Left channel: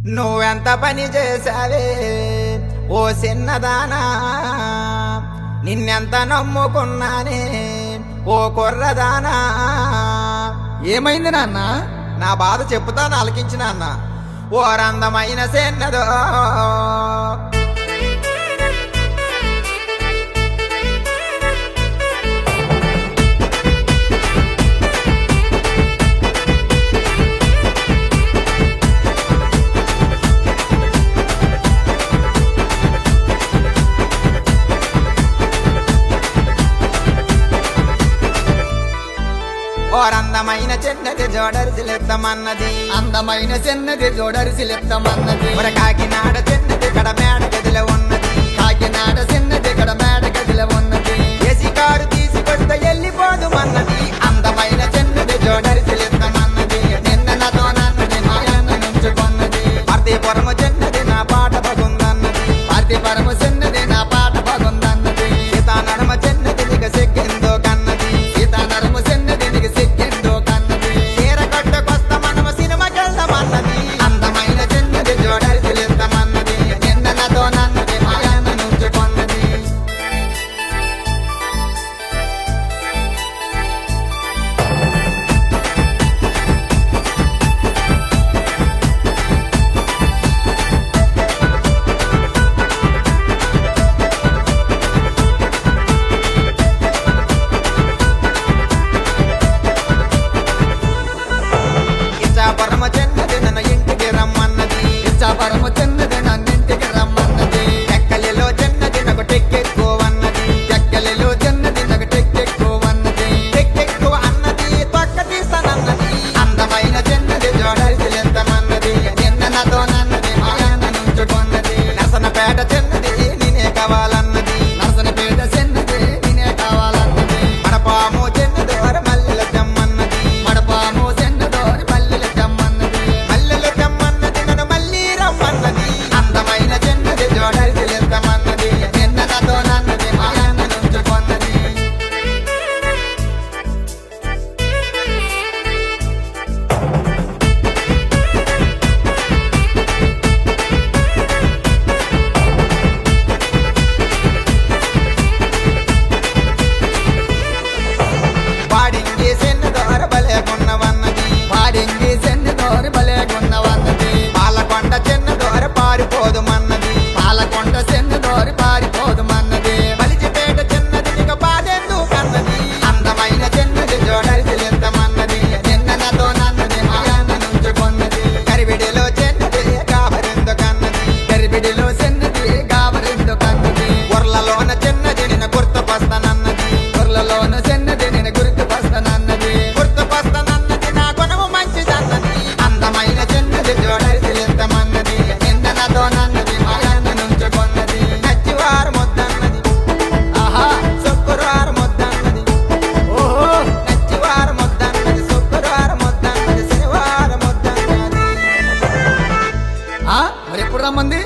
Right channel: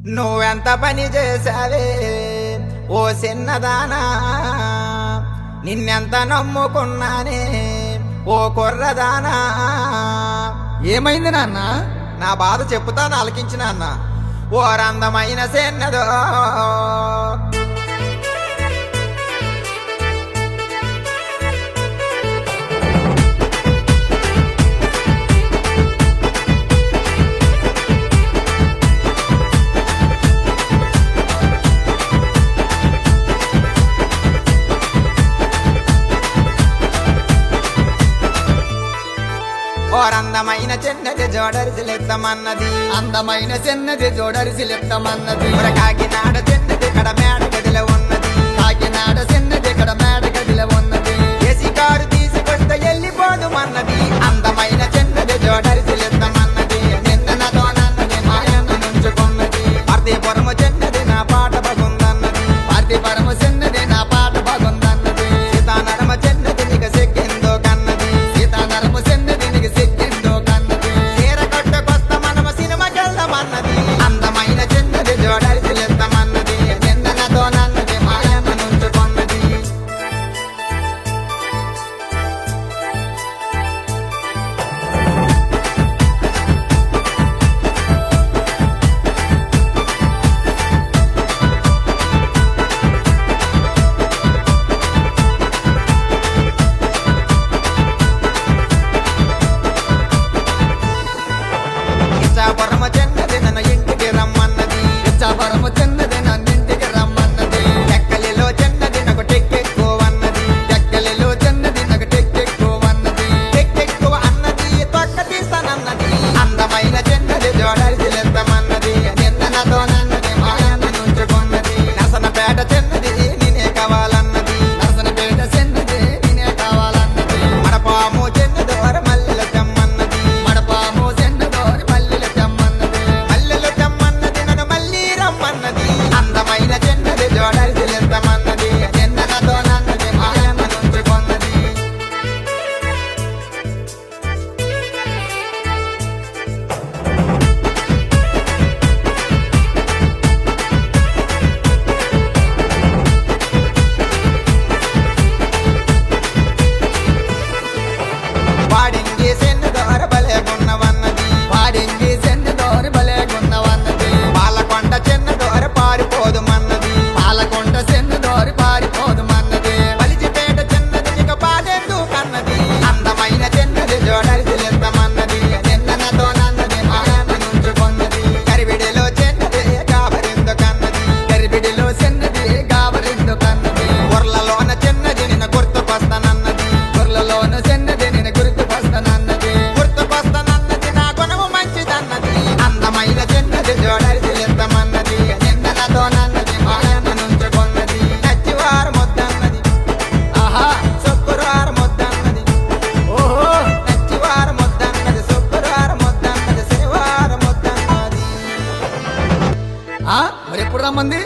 నువ్వెంత పని చేసావే ఓ చిన్నదానా, నిన్నెంత నమ్ముకున్నానే ఓ కుర్రదానా. ఏమైంది నాన్న? నా బాధ చెప్పుతాను ఆలకించిన అన్న. ఓ రందమైన చిన్నదో అందమైన చిన్నది జోడరిసిలెత్తమన్నది, అందమైన చిన్నది జోడరిసిలెత్తమన్నది. కాకినాడ చిన్నది కడ మేడ గదిలో ఉన్నది, కాకినాడ చిన్నది కడ మేడ గదిలో ఉన్నది. ఏసీ కారు తీసుకొస్తే వెళ్ళిపోదుమన్నది, అందమైన చిన్నది జోడరిసిలెత్తమన్నది. నిన్న నాతో నన్నది మాయన్న నుంచుకున్నది. పార్థిపురము చిన్నది నా పాట బాగుందన్నది, పార్థిపురము చిన్నది నా పాట బాగుందన్నది. సీతానరమ చిన్నది నీకు సిగ్గెందో కన్నది, సీతానరము చిన్నది నీకు సిగ్గెందో కన్నది. చీర కట్టుకొస్తా మనము సినిమాకెళ్దామన్నది, అందమైన చిన్నది జోడరిసిలెత్తమన్నది. నిన్న నాతో నన్నది మాయన్న నుంచుకున్నది. ఇచ్చాపురము చిన్నది నన్ను ఇంటికి రమ్మన్నది, ఇచ్చాపురము చిన్నది నన్నింటికి రమ్మన్నది. ఎక్కలిలో చిన్నది నాకు టెక్కెక్కువన్నది, ఎక్కలిలో చిన్నది నాకు టెక్కెక్కువన్నది. టెక్కెక్కువ అన్నది తొక్క తీస్తానన్నది, అందమైన చిన్నది జోడరిసిలెత్తమన్నది. నిన్న నాతో నన్నది మాయన్న నుంచుకున్నది. నరసనపేట చిన్నది నేనే కావాలన్నది, నరసనపేట చిన్నది నేనే కావాలన్నది. మడపాము చిన్నదోర మల్లెలు తెమ్మన్నది, మడపాము చిన్నదోరి మల్లెలు తెమ్మన్నది. మల్లెలు తెమ్మన్నది నన్ను మళ్ళీ రమ్మన్నది, అందమైన చిన్నది జోడరిసిలెత్తమన్నది. నిన్న నాతో నన్నది మాయన్న నుంచుకున్నది. వాడింగి చిన్నదోర బలేగున్నవన్నది, పాడింగి చిన్నదోరి బలేగున్నవన్నది. పాలకొండ చిన్నదోర పారిపోదుమన్నది, పాలకొండ చిన్నదోరి పారిపోదుమన్నది. పలిచిపేట చిన్నది నీకు బాధెందు కన్నది, అందమైన చిన్నది జోడరిసిలెత్తమన్నది. నిన్న నాతో నన్నది మాయన్న నుంచుకున్నది. కరివిడిలో చిన్నది కాబరెందు కన్నది, గరిబిడిలో చిన్నది గాబరిందు కన్నది. బుర్లలోన చిన్నది నిన్ను గుర్తుకొస్తానన్నది, గుర్లలోన చిన్నది నేను గుర్తుకొస్తానన్నది. గుర్తుకొస్తానన్నది నా గుణము మంచిదన్నది, అందమైన చిన్నది జోడరిసిలెత్తమన్నది. నిన్న నాతో నన్నది మాయన్న నుంచుకున్నది. నచ్చివారు ముద్దన్నది, ఆహా శుక్రవారం ముద్దన్నది, ఓహో నచ్చివారు ముద్దన్నది, శుక్రవారం ముద్దన్నది, శనివారం ముద్దన్నది. మరి ఎప్పుడు రమ్మంది?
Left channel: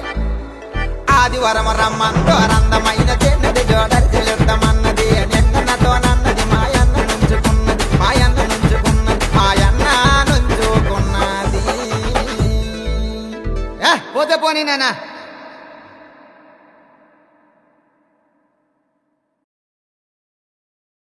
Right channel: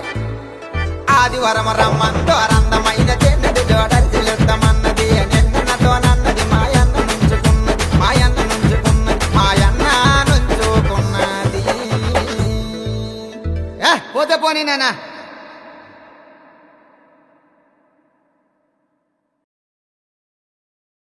ఆదివారం రమ్మందో అందమైన చిన్నది జోడరిసిలెత్తమన్నది. నిన్న నాతో నన్నది మాయన్న నుంచుకున్నది, మాయన్న నుంచుకున్నది, మాయన్న నుంచుకున్నది. పోతే పోనీ నాన్న.